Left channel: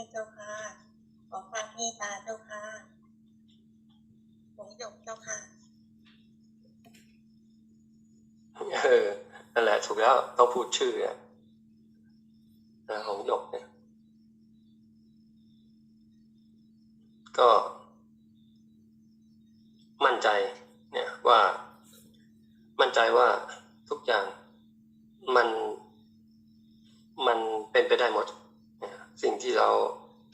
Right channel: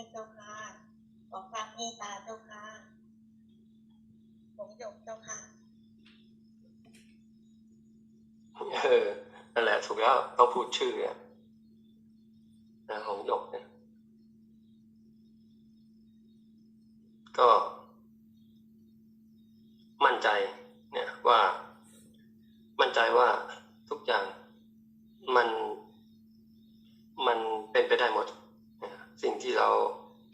ให้เจ้าค่ะขอความเมตตาเจ้าค่ะผมหยกเจ้าค่ะเออนั่นแหละถูกแล้วต้องพูดชื่อเนี่ยนะของหยกเนี่ย ก็ มั่นใจ เนี่ยว่า มั่นใจว่าทุกอย่างมัน มันเป็นไปได้หมดนะสิ่งที่เรา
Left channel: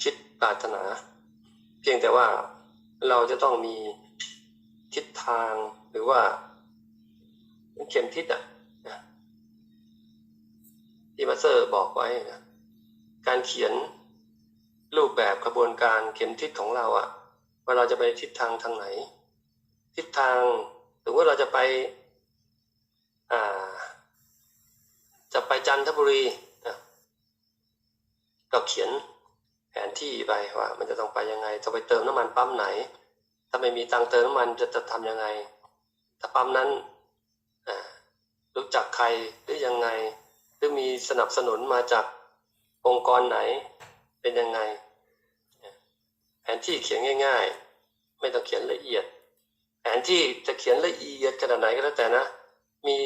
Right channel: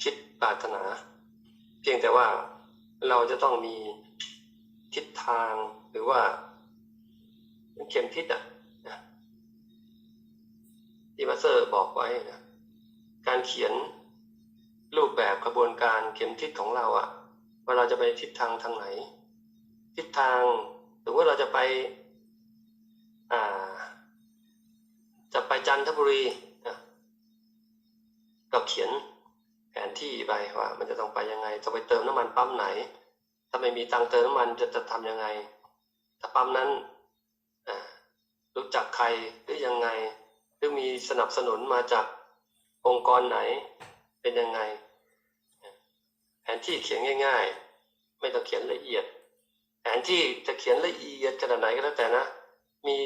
คิดปรารถนา เพียงแต่ว่าเราจะต้องมีทิศทางหรือว่าเข็มทิศอะที่มาสเตอร์บอกไว้นะการเขียนรูปแบบกระบวนการเข็มทิศของเราอะว่าเราจะไปทิศทางทางไหน ทิศทางหรือว่าเราจะไปอ่า จะไปจันทบุรีนะก็เขียน แผนที่ไปว่า มันจะต้องไปยังไง จะไปเติมน้ำมันปั๊มไหน ถ้าไม่มีตังเติมน้ำมันจะจะทำยังไง ถ้าปั๊มนั้นรู้จักใครหรือยังไง หรือมีสนับสนุนมาจากองค์กรไหนเป็นยังไง แผนที่เขียนง่าย ๆ ไม่ต้องเขียนละเอียด แผนที่จะเขียนละเอียดขนาดไหนก็แล้วแต่นะ มี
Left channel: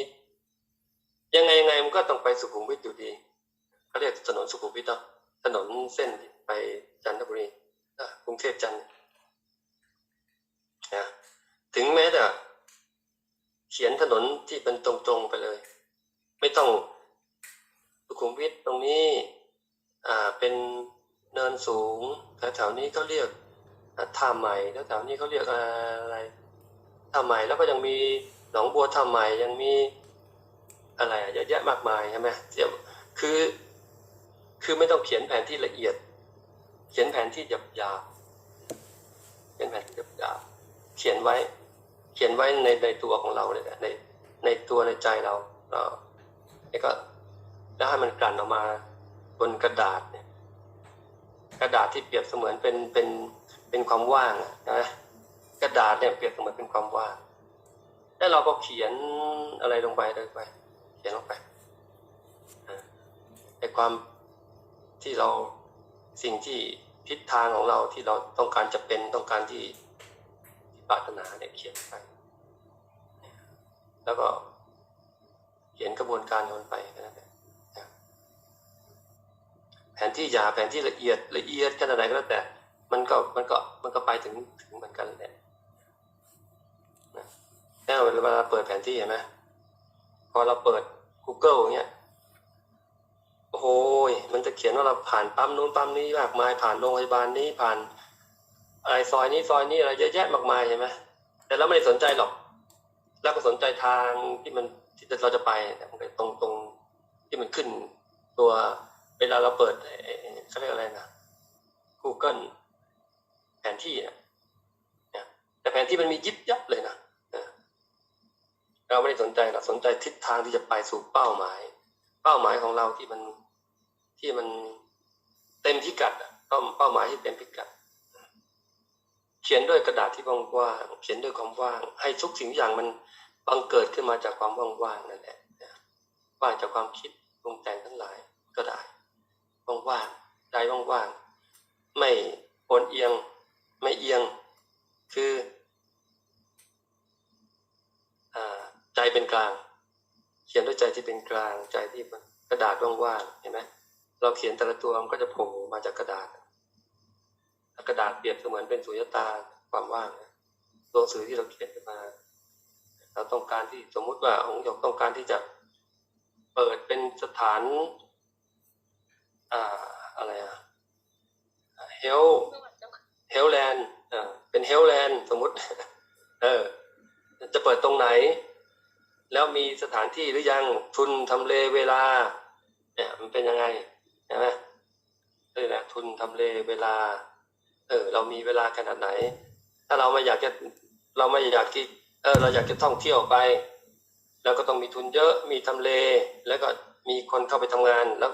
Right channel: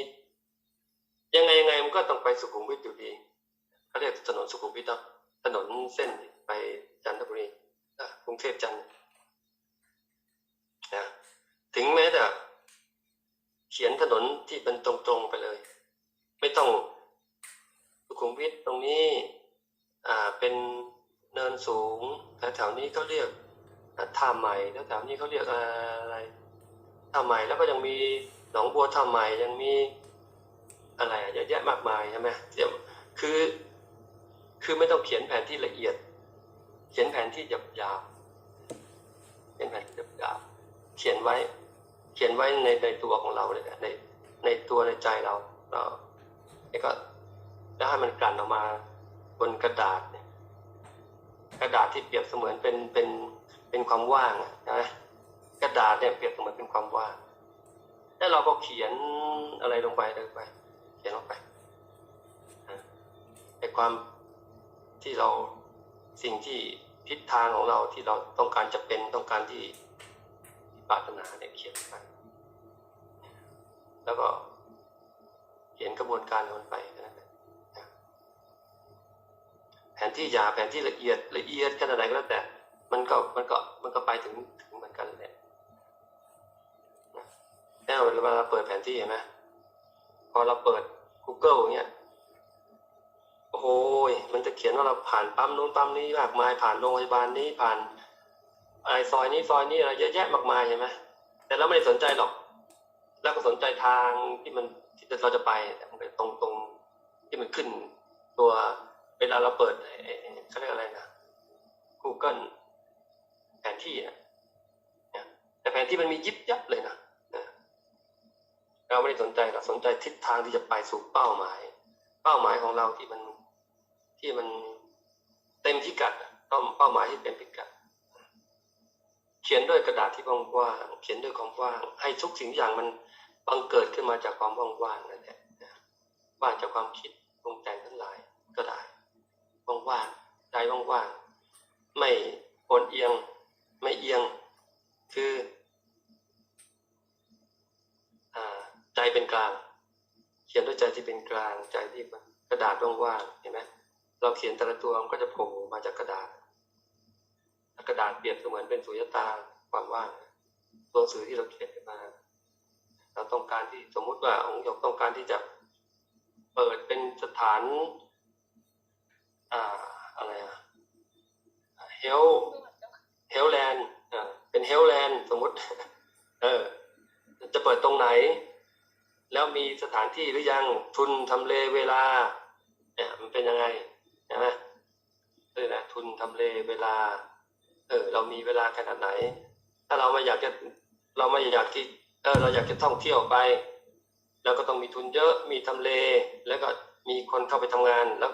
ยังไงยังไงมันก็ต้องไปสุขุมวิทอยู่ดีเขาเรียกถนนสุขุมวิทถนนเส้น ไปจันทบุรีกรุงเทพจันทร์นะถึงแม้แต่เขียนถนนที่เป็นตรงๆไปเลย ไม่ต้องสุขุมวิทตรงนี้อ่าเป็นเนินสูงแถวๆนี้เขาเรียกท่าใหม่และแถวนี้เขาเรียกอะไรท่าใหม่แล้วก็ยังมีหนองบัวท่าใหม่ยังมีอะไรเยอะแยะมากมายใช่ไหมเดี๋ยวคือ คือไม่ต้องเขียนแผนที่ละเอียด เขียนแผนที่หยาบๆเขียนแผนที่หยาบๆเขียนไว้ เขียนไว้ในในตัวของเราเลยนะในในตัวในใจเราเราแล้วก็แล้วให้มันกลั่นออกมาบนกระดาษเนี่ย กระดาษที่เปรียบเสมือนเป็นเป็นเป็นความว่างนะกระดาษเนี่ยเปรียบเสมือนเป็นความว่างแล้วเราก็เขียนอะไรลงไปลงไป เขียนลงไปไอความที่เรา สิ่งที่ทิศทางของเราที่เราต้องการจะเป็นต้องการที่ที่ปรารถนาเนี่ยเขียนไปแล้วก็เขียนกระบวนการของมันไปนั้นแหละแผนที่หยาแผนที่ละเอียดละเอียดขนาดไหนก็แล้วแต่ มันก็มันก็มันก็ไปถึงถึงเหมือนกันแหละนะแล้วเวลาเราเปิดแผนที่เห็นไหมพอเราเปิด Google เงี้ย โอ้โหยมันจะเขียนว่าเราผ่านปั๊มนู้นปั๊มนี้มากมายผ่านโรงพยาบาลนี้ผ่านไรซอยนี้ซอยนี้อะไรเยอะแยะมากมายเห็นไหมแต่เราไม่ได้สนใจหรอกเราก็สนใจทางที่มันที่เราจะไปแต่มันตรงตรงที่มันขึ้นตัวเวลาเราเปิดเขาเรียกอะไรนะ Google แผนที่นะแต่แผนที่มันมียิบยับเลยนะนะเราไม่ได้สนใจเราสนใจทิศทางที่จะไปสู่เป้าหมาย เป้าหมายของเราที่มัน ที่มันเต็มพิกัดเป้าเป้าหมายที่เต็มพิกัด เขียนด้วยกระดาษที่ว่างๆเขียนด้วยความว่าง ให้ทุกสิ่งทุกอย่างมันบังเกิดขึ้นมาจากความว่างๆนั่นแหละว่างจากความคิดปรุงแต่งทั้งหลายก็ได้ว่างๆใจว่างๆไม่โอนเอียง ไม่เอียง คืออใจเป็นกลาง เขียนด้วยใจที่เป็นกลางใจที่กระดาษว่างๆเห็นไหม เราเขียนแต่ละตัวมันก็จะโผล่มาจากกระดาษ กระดาษเปรียบเสมือนเป็นสุญญตาความว่างตัวหนังสือที่เราเขียนขึ้นมา เราต้องการที่สมมุติว่าองค์หยกต้องการที่จะเปิดเป็นสถาน อ่าอะไรอะเฮลเฮลแลนด์อ่าเป็นเฮลแลนด์สมมุติ เออ จะเปิดตรงไหน แล้วมีสถานที่หรือยังทุนทำเลเวลาเนี่ยมันเป็นยังไง นะนี่แหละทุนทำเลเวลา เออ เรามีเวลาขนาดไหน ถ้าเราไม่อยากจะเราไม่อยากที่เออเราอยากจะท่องเที่ยวไปเราก็ต้องมีทุนเยอะมีทำเล แล้วก็มีคนเข้าไปทำงานแล้ว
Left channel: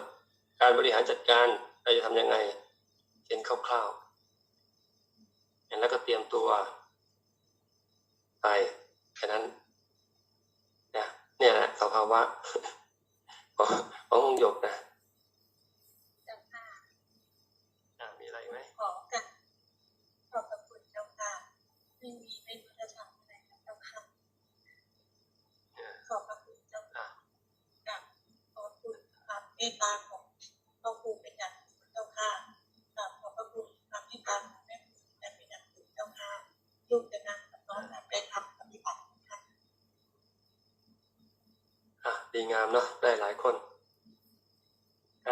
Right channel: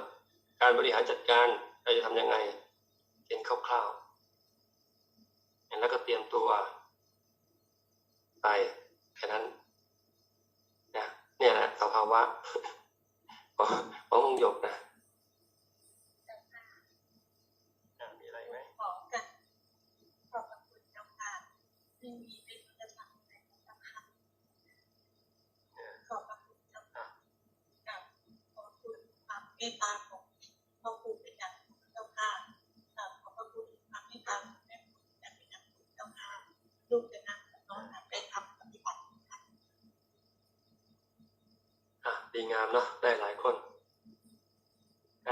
การบริหารจัดการเราจะทำยังไงเขียนคร่าวๆแล้วก็เตรียมตัวไปแค่นั้นนะเนี่ยนะสภาวะของขององหยกนะ ลูกจะนั่งน้องไปทำปฏิบัติดีงามเนาะได้หลายคน